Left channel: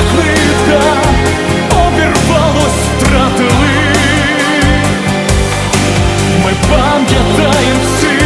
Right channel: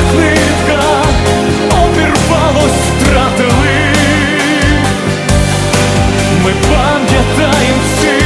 Як нитка, обірвалось, втратили. Ми пам'ятаємо всіх.